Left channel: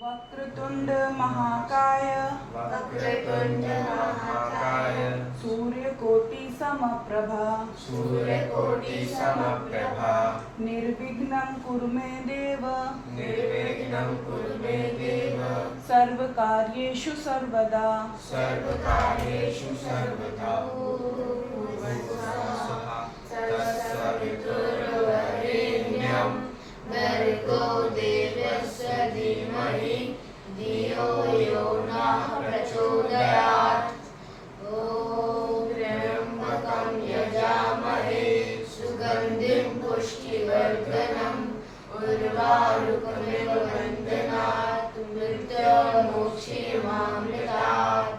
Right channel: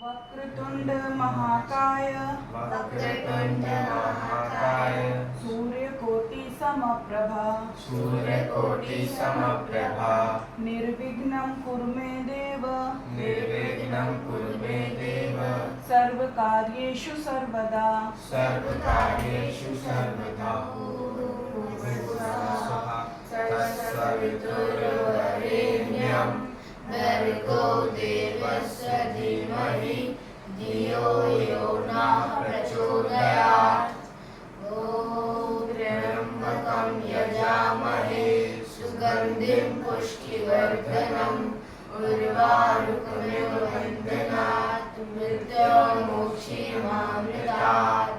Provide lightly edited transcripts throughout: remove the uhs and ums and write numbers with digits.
वक्रतुंड महाकाय वक्रतुंड महाकाय सूर्यकोटि समप्रभा सूर्यकोटि समप्रभा निर्विघ्नं कुरु मे देव निर्विघ्नं कुरु मे देव सर्वकार्येषु सर्वदा सर्वकार्येषु सर्वदा तत्सवितुर्वरेण्यं भर्गो देवस्य धीमहि धियो यो नः प्रचोदयात् ॐ त्र्यम्बकं यजामहे सुगन्धिं पुष्टिवर्धनम् उर्वारुकमिव बन्धनात् मृत्योर्मुक्षीमामृतात्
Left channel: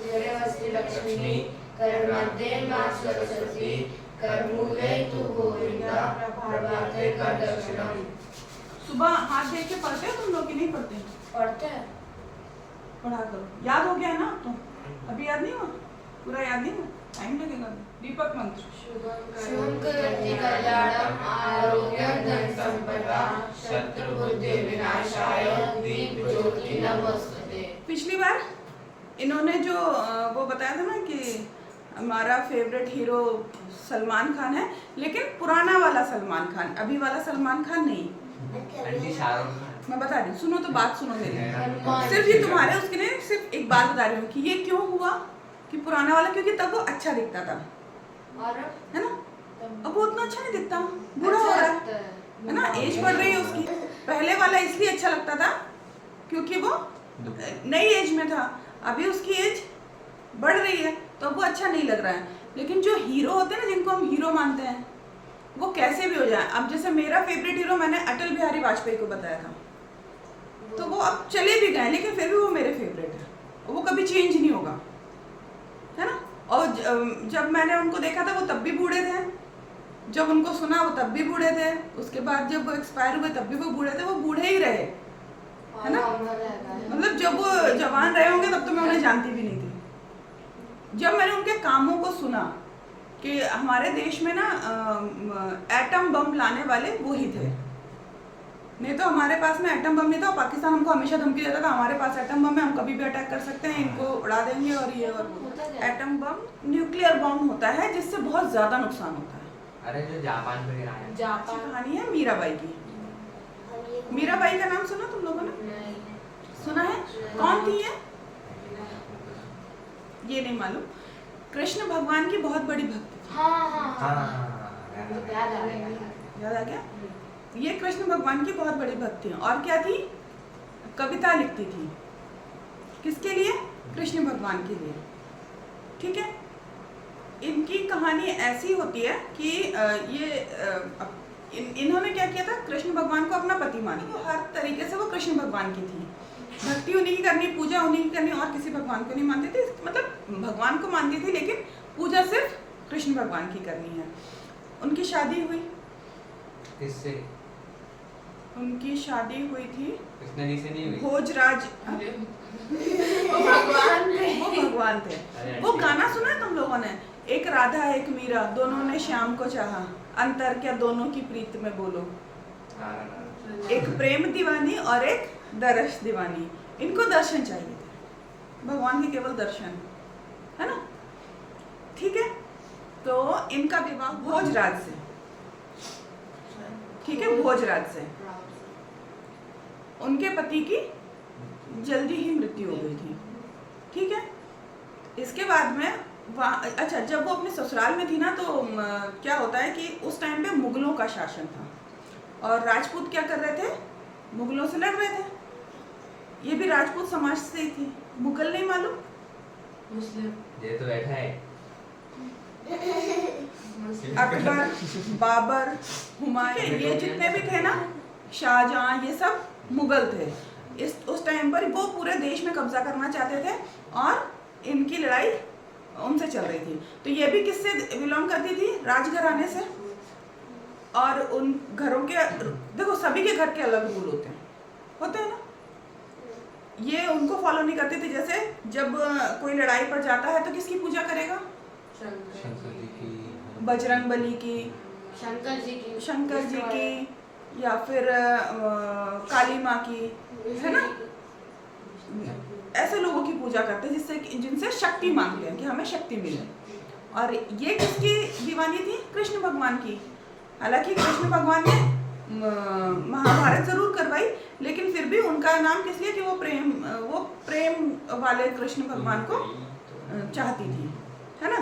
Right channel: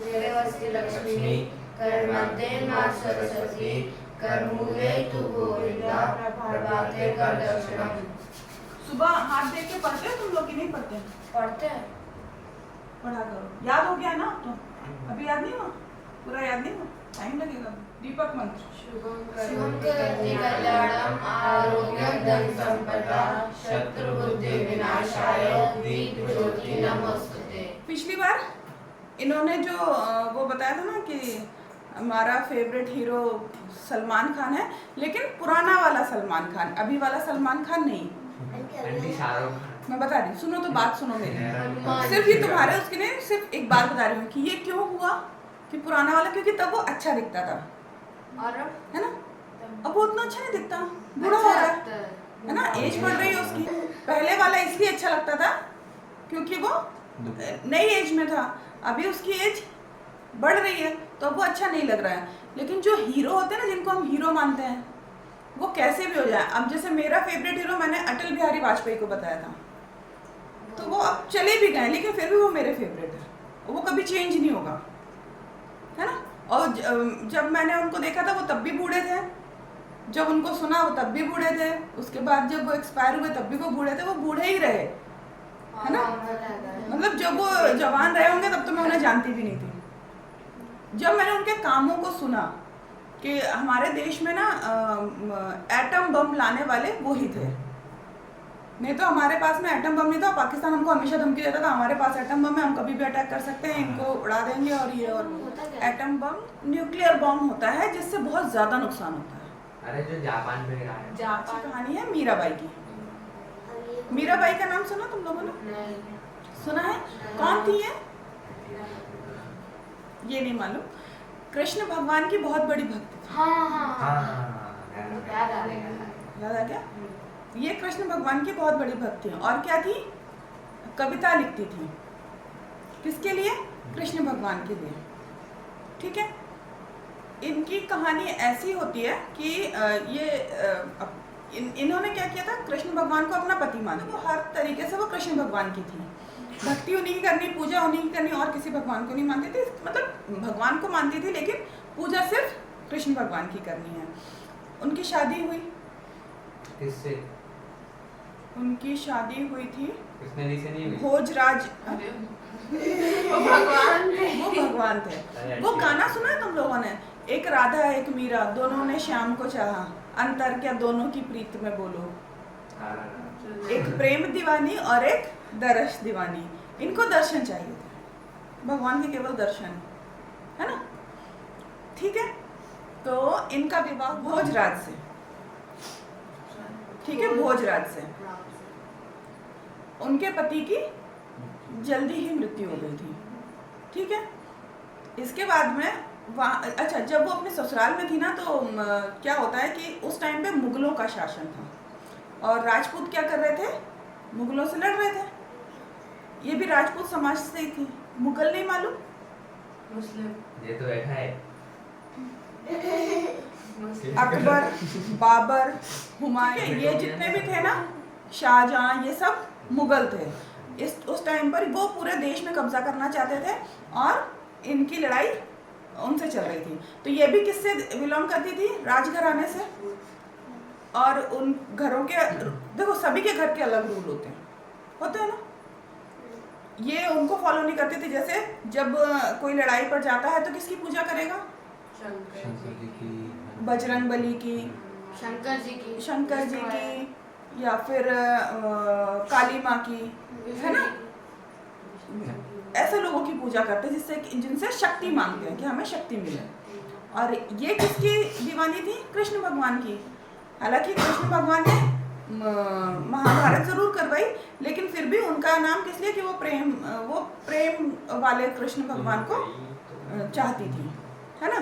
करवस्ति लक्ष्मी करमध्ये मां सरस्वती करमूले तु गोविंदा प्रभाते कर दर्शनम। सुबह हाथ देख के पढ़ते हो तुम लोग कि नहीं पढ़ते? पढ़ते हैं। पढ़ा करो। याद हो गया ना? तो अभी याद नहीं हुआ? पूरा याद नहीं हुआ? टाइम लगेगा। दीपक मंत्र। शुभं करोति कल्याणं आरोग्यं धन संपदा शत्रुबुद्धि विनाशाय दीपज्योति नमोस्तुते। पिछली बार इन्होंने जो वो बताया था ना कि हमारा फेवरेट हीरो सलमान खान है, लेकिन पुराना वाला सलमान खान, अभी वाला सलमान खान नहीं। मैं बता रही हूँ, सुनो तो बात सुनो मेरी। सिर्फ ये तुम्हारे उसके लिए सिर्फ एक बात बता रही हूँ कि ये क्यों हुआ कि पुराना वाला, क्योंकि तब वो अच्छा दिखता था, है ना? अब वो उतना अच्छा नहीं दिखता, बूढ़ा हो रहा है ना? एज बढ़ रही है उसकी। पहले वाला इसलिए अच्छा लगता था क्योंकि वो नई एज में था, अभी उसकी एज बढ़ रही है तो वो अच्छा नहीं लग रहा है। लेकिन जो हीरो होते हैं ना, जिनको हम हीरो मानते हैं, वो कैसे भी हो जाए। अब जैसे मेरा फेवरेट हीरो मैंने अटल बिहारी वाजपेयी को बताया था, तो वो अब चले भी गए लेकिन फिर भी वो मेरे फेवरेट है, वो कभी चेंज नहीं होगा, है ना? और जब मैंने उनको देखा था वो तब भी बूढ़े थे, जब उनको सुना वो तब भी बूढ़े थे, उसके बाद जब वो एक्सपायर हुए तब भी वो बूढ़े थे, वो बूढ़े ही रहे, है ना? मतलब जब वो जवान रहे होंगे तब तो मैं उन्हें जानती भी नहीं थी। जब मैंने उनके कामों को सुना कि हमारे देश में ना एटम बम लाने वाले वो ही थे, नहीं तो हमारे पास में एटम बम नहीं था। पाकिस्तान हमको हमेशा धमकी देता था हमारे पास एटम बम है, हम कभी भी अटैक कर सकते हैं, इनको उड़ा देंगे और ये और वो। एटम बम न्यूक्लियर बम होता है जिससे बहुत ज्यादा नुकसान होता है। अरे जो जापान पे गिरा है, जापान कहानी है मीराबाई की। मीराबाई का नाम सुना तुम लोगों ने? सुना है? कौन थी ये नहीं मालूम। कृष्ण भगवान की बहुत बड़ी भक्त थी। याद आ गया? ये कृष्ण भगवान की बहुत बड़ी भक्त थी। और क्या थी? कविता लिखती थी। किसके लिए? कृष्ण भगवान के लिए। ठीक है? इनकी कहानी ऐसी होती है कि इन्होंने क्या किया था, कृष्ण भगवान को अपना पति माना, हर तरीके से वो कृष्ण भगवान की थी, भक्ति उन्हीं की करनी, पूजा उन्हीं की करनी, और किसी भगवान को नहीं मानती थी। मतलब भगवान को मानती थी लेकिन पूजा सिर्फ कृष्ण भगवान की करनी है। उनकी शादी हुई। किससे? उनकी शादी हुई थी कृष्ण जी से नहीं हुई? भोजराज। वो भगवान थे। वो गाना सुना है तुम लोगों ने? एक राधा एक मीरा, दोनों ने श्याम को चाहा, अंतर क्या दोनों की प्रीत में बोलो। एक प्रेम दीवानी और एक दर्श दीवानी। इनको दर्शन चाहिए थे, भगवान के केवल दर्शन, है ना? ठीक है? तो इनका विवाह भोजराज से, ठीक है, भोजराज से। उनके पति की जल्दी ही मृत्यु हो गई थी। ठीक है? इसके बाद में अच्छा, जब वो अपने ससुराल में थी ना, तो क्या होता है कि उस टाइम पे मुगलों का शासन था और राजपूत क्या कर रहे थे? मुगलों से लड़ रहे थे। ये भी राजपूत समाज से ही थी। मुगल नहीं मालूम? मुस्लिम। ये तो बैठा है। अकबर, बाबर, हुमायूं, ये जितने भी थे ना, शाहजहां, ये सब मुगल थे। उस टाइम पर वो पूरे देश में कब्जा करना चाहते थे और इनकी लड़ाई उनसे चल रही थी। तो ये भी किससे बिलोंग करती थी? राजघराने से। और उन घरों के, देखो सभी के घर के अलग रूल होते हैं ना? ये उनको फॉलो नहीं करती थी। जैसे जब कोई लड़ाई पर जाता है तो किसकी पूजा करेगा? शंकर जी की, बजरंग बली की, शंकर जी की, या फिर काली माँ की, है ना, ऐसे लोगों की पूजा करते हैं जिनसे शक्ति मांगते हैं कि हमें शक्ति मिले। और ये किसकी दीवानी थी? कृष्ण भगवान की। हालांकि कृष्ण भगवान ने महाभारत जरूर करवाई, लेकिन फिर भी उनका नाम किस लिए कि वो प्रेम वाले कृष्ण भगवान को चाहती थी, है ना।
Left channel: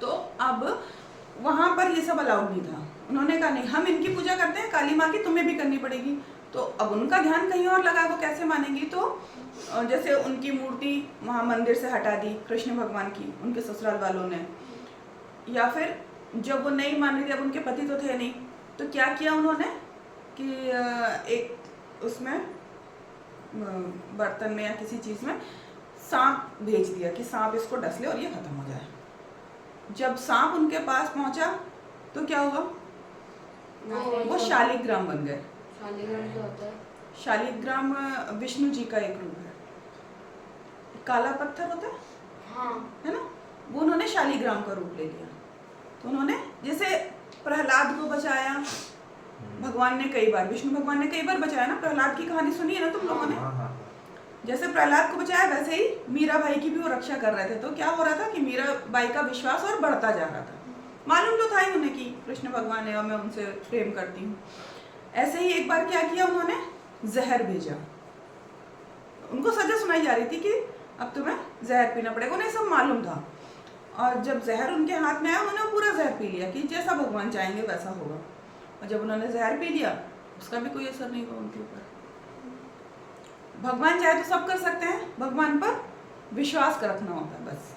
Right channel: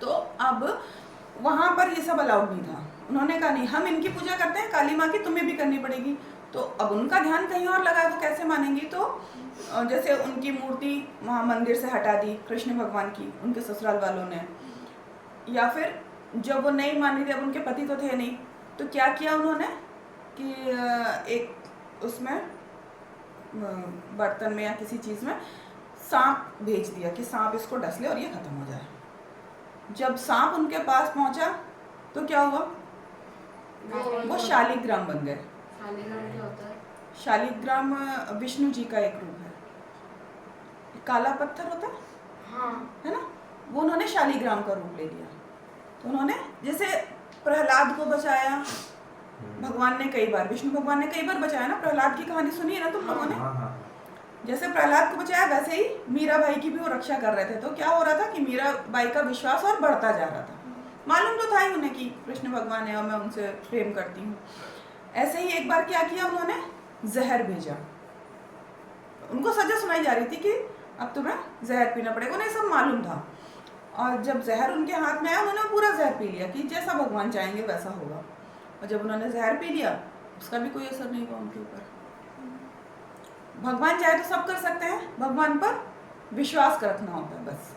तो अब वहां पर ये सब अलाउड नहीं था। उन्होंने कहा नहीं, हम इनकी पूजा करते हैं, काली माँ की तुम्हें भी करनी पड़ेगी। तो अब उनका ध्यान कहीं और लगा, वो कैसे मानेंगी? तो जैसे उनकी मूर्ति वहाँ मंदिर से हटा दी कृष्ण भगवान की, उनके ससुराल वालों ने। या फिर जब वो नहीं मान रही थी, अब उनके पति तो थे नहीं, तो क्या किया उन्होंने कि एक उसमें बर्तन में या किसी चीज़ में सांप भेज दिया कि सांप इसको डस ले और ये खत्म हो जाए। जब सांप उनके पास पहुंचा तो क्या हुआ? वो शालिग्राम बन गए। शालिग्राम क्या होता है? शालिग्राम विष्णु जी का एक रूप है, काला पत्थर होता है, हाँ, है ना, वो उन्होंने शालिग्राम का रूप ले लिया। तो उन्होंने जैसे प्रहलाद को बचाया भगवान ने कई बार, विष्णु भगवान ने कई बार बचाया ना। प्रहलाद की कहानी सुनी है ना तुम लोगों ने? जैसे प्रहलाद को बचाया, वैसे ही मीरा बाई की भी वो रक्षा कर रहे थे। तो क्या हो रहा था कि मीरा बाई का विश्वास और बढ़ता जा रहा था। मालूम तो था ही उन्हें कि कृष्ण भगवान है और मैं उनसे प्रेम करती हूँ। ऐसे ही एक बार क्या किया उन्होंने, जहर भेजा। उनको सजा सुनाई जा रही थी कि अब तुम्हें जहर पीना पड़ेगा, उन्हें सब मालूम था। और जब जहर उनके हाथ में आया, उन्होंने पूरा जहर पी लिया कि जैसा भगवान चाहेंगे वैसा होगा। और जब उन्होंने जहर पी लिया, उसका भी कोई असर नहीं हुआ उनके ऊपर। भगवान चाहे तो सब कर सकते हैं, भगवान पर विश्वास रखना होता है बस,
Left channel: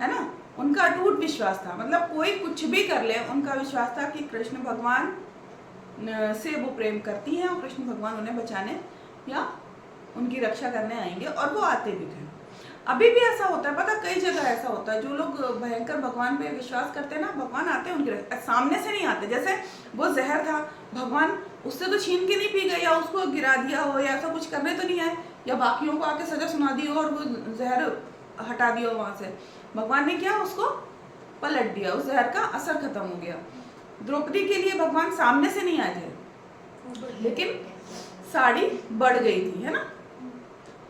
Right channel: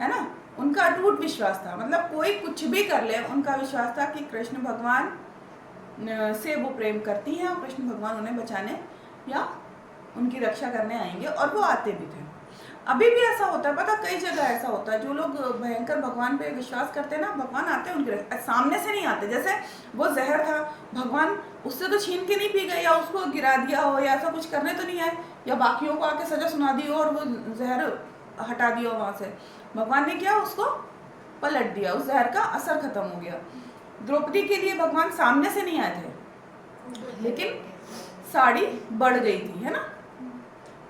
है ना। उनका अटूट विश्वास था, मतलब कोई कुछ भी कर ले, उनका विश्वास था कि कृष्ण भगवान से वो प्रेम करती हैं और कृष्ण भगवान उन्हें बचाने या उनकी रक्षा करने आएंगे, और वो आते भी थे। अभी भी ऐसा होता है, पता, कई जगह ऐसा होता है। जो लोग भयंकर भगवान पे विश्वास करते हैं ना, भगवान आते हैं उनके सामने से नहीं आते। जैसे वो जहर था, भगवान उससे तो छीन के नहीं पी गए, या उसको गिरा दिया हो, या ऐसा कुछ करने तो नहीं आए, या बाकियों को आके सजा सुना दी हो और वो जहर हटा दिया हो वहां से। भगवान ने क्या, उसको पलट दिया, उस जहर का असर खत्म हो गया। द्रौपदी के लिए भगवान सामने से नहीं आए थे, लेकिन साड़ी बढ़ गई थी, है ना।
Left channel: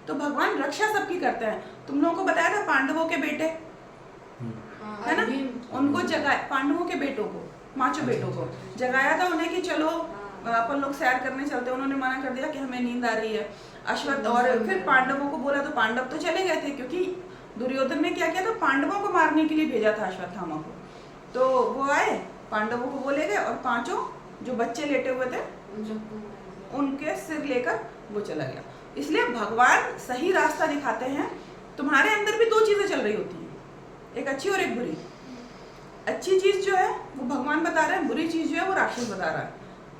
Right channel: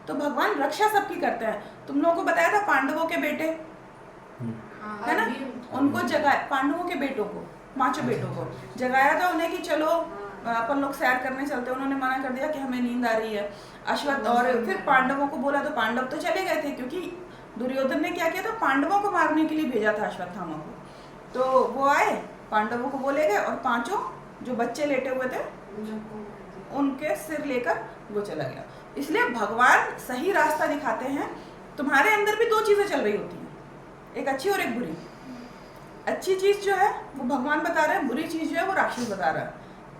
तो भगवान रक्षा सबकी करते हैं। तुम लोगों को बताया था पांडवों के बेटे, है ना, उनको जगाया, पांडवों के बेटों को, 5 बेटों को जगाया था उन्हें कि चलो अपन लोग सैर करने चलते। उन्होंने मना कर दिया कि हमें नींद आ रही है। अश्वत्थ, और फिर पांडवों को बोला तो पांडव तो चले गए थे, क्योंकि दुर्योधन ने क्या किया था, पांडवों को मारने के लिए भेजा था अश्वत्थामा को। तो वो आए, पांडवों को बोले गए, और 5 जो बच्चे लेटे हुए थे उनके सिर लेकर वो चला गया। इसलिए भगवान सही रास्ता दिखाते हैं। तुम्हारे अंदर भी 2 चीजें चल रही होती हैं, एक अच्छी और एक बुरी। अच्छी चीज जो है वो भगवान बता रहे हैं, बुरी चीज जो है वो राक्षस बता रहा है।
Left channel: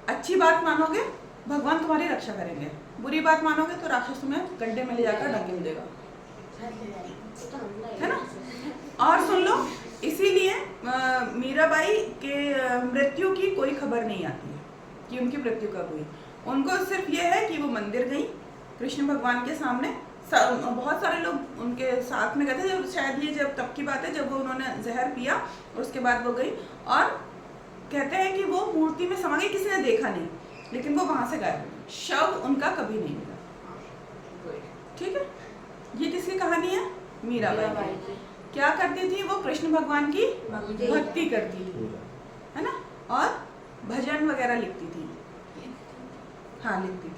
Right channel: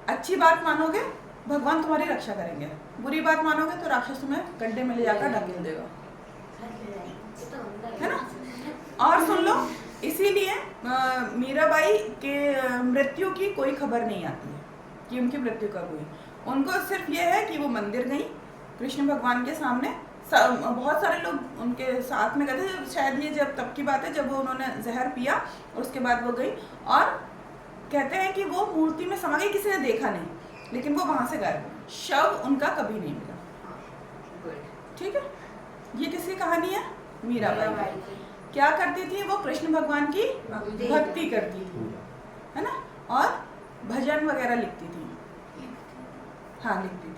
अच्छी बात मानोगे, भगवान तुम्हारी रक्षा करेंगे। बुरी बात मानोगे तो राक्षस तुम्हें गड्ढे में ले जाकर ढकेल देगा, है ना। और सुन लो, इसीलिए मीराबाई के मृत्यु की कोई खबर नहीं आती है कि उनकी मृत्यु कब हुई। उनको सिर्फ ये है कि वो मंदिर गई कृष्ण भगवान के सामने। बहुत सारे लोग उनके साथ में गए थे, जब शायद ये जब तब की बात है जब वो उन्होंने जहर पिया और उसके बाद वो गई। और कहते हैं कि वो मूर्ति में समा गई, किसी ने देखा नहीं, लेकिन वो वहां से गायब हो गई, शव उनका कभी नहीं मिला। ठीक है, ये किसकी कहानी है? मीराबाई की। क्या करती थी वो? कृष्ण भगवान की भक्ति करती थी, है ना, और भजन वगैरह लिखती थी। हाँ, लिखती थी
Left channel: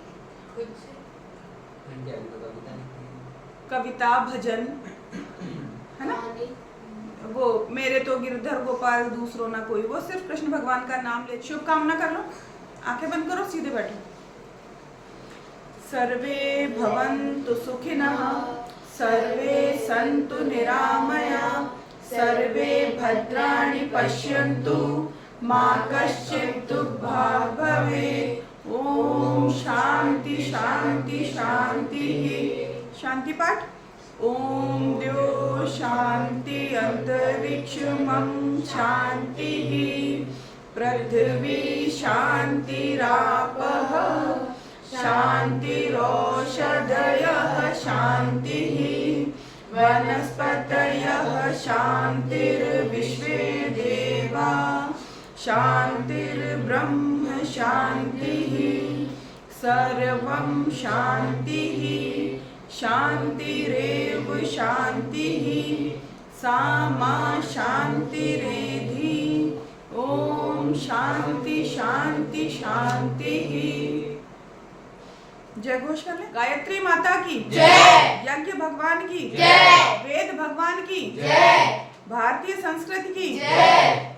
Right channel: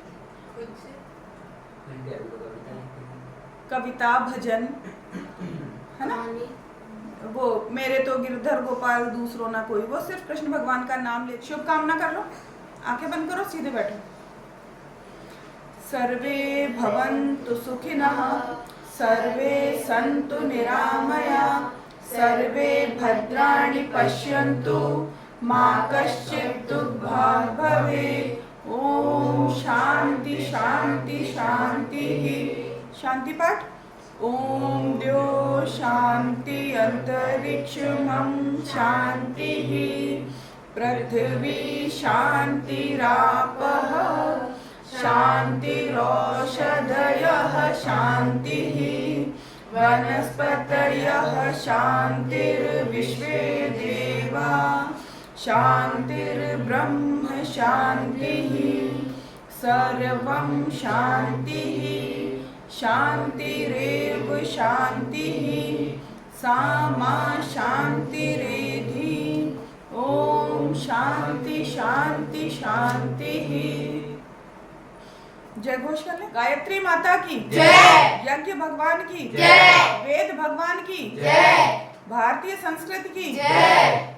कविता, भजन, है ना। वो मेरे तो गिरधर गोपाल दूसरों ना कोई, वो सिर्फ कृष्ण भगवान का नाम ले। शुभकामना कर लो, आंखें बंद करो, सीधे बैठो। सर्वे भवन्तु सुखिनः, सर्वे सन्तु निरामया, सर्वे भद्राणि पश्यन्तु, मा कश्चित् दुःखभाग् भवेत्। ओम शांति शांति शांति। शांति पाठ। ओम द्यो शांति अंतरिक्षमं शांतिः, पृथिवी शांतिरापः शांतिरोषधयः शांतिः, वनस्पतयः शांतिर्विश्वे देवा शांतिर्ब्रह्म शान्तिः सर्वं शान्तिः शान्तिरेव शान्तिः सा मा शान्तिरेधि ओम शांति शांति शांतिः। जय घोष कर ले। गायत्री माता की जय। यज्ञ भगवान की जय। वेद भगवान की जय। भारतीय संस्कृति की जय।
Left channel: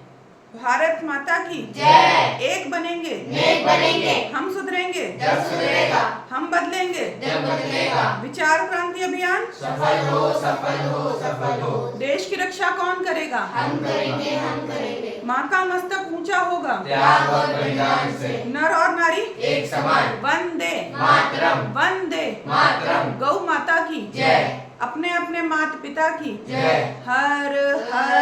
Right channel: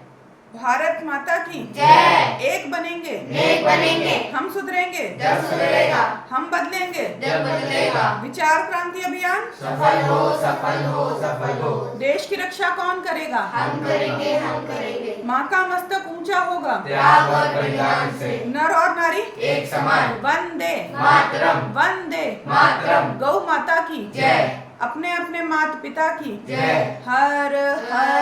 भारत माता की जय। एक बनेंगे नेक बनेंगे हम सुधरेंगे जब सुधरेगा हम बदलेंगे जब बदलेगा विचार क्रांति अभियान सफल हो सफल हो सफल हो देश की रक्षा कौन करेगा हम करेंगे माँ का मस्तक ऊंचा होगा त्याग और बलिदान से नर और नारी एक समान वंदे मातरम वंदे मातरम गौ माता की जय अपने अपने माता पिता की जय हर हर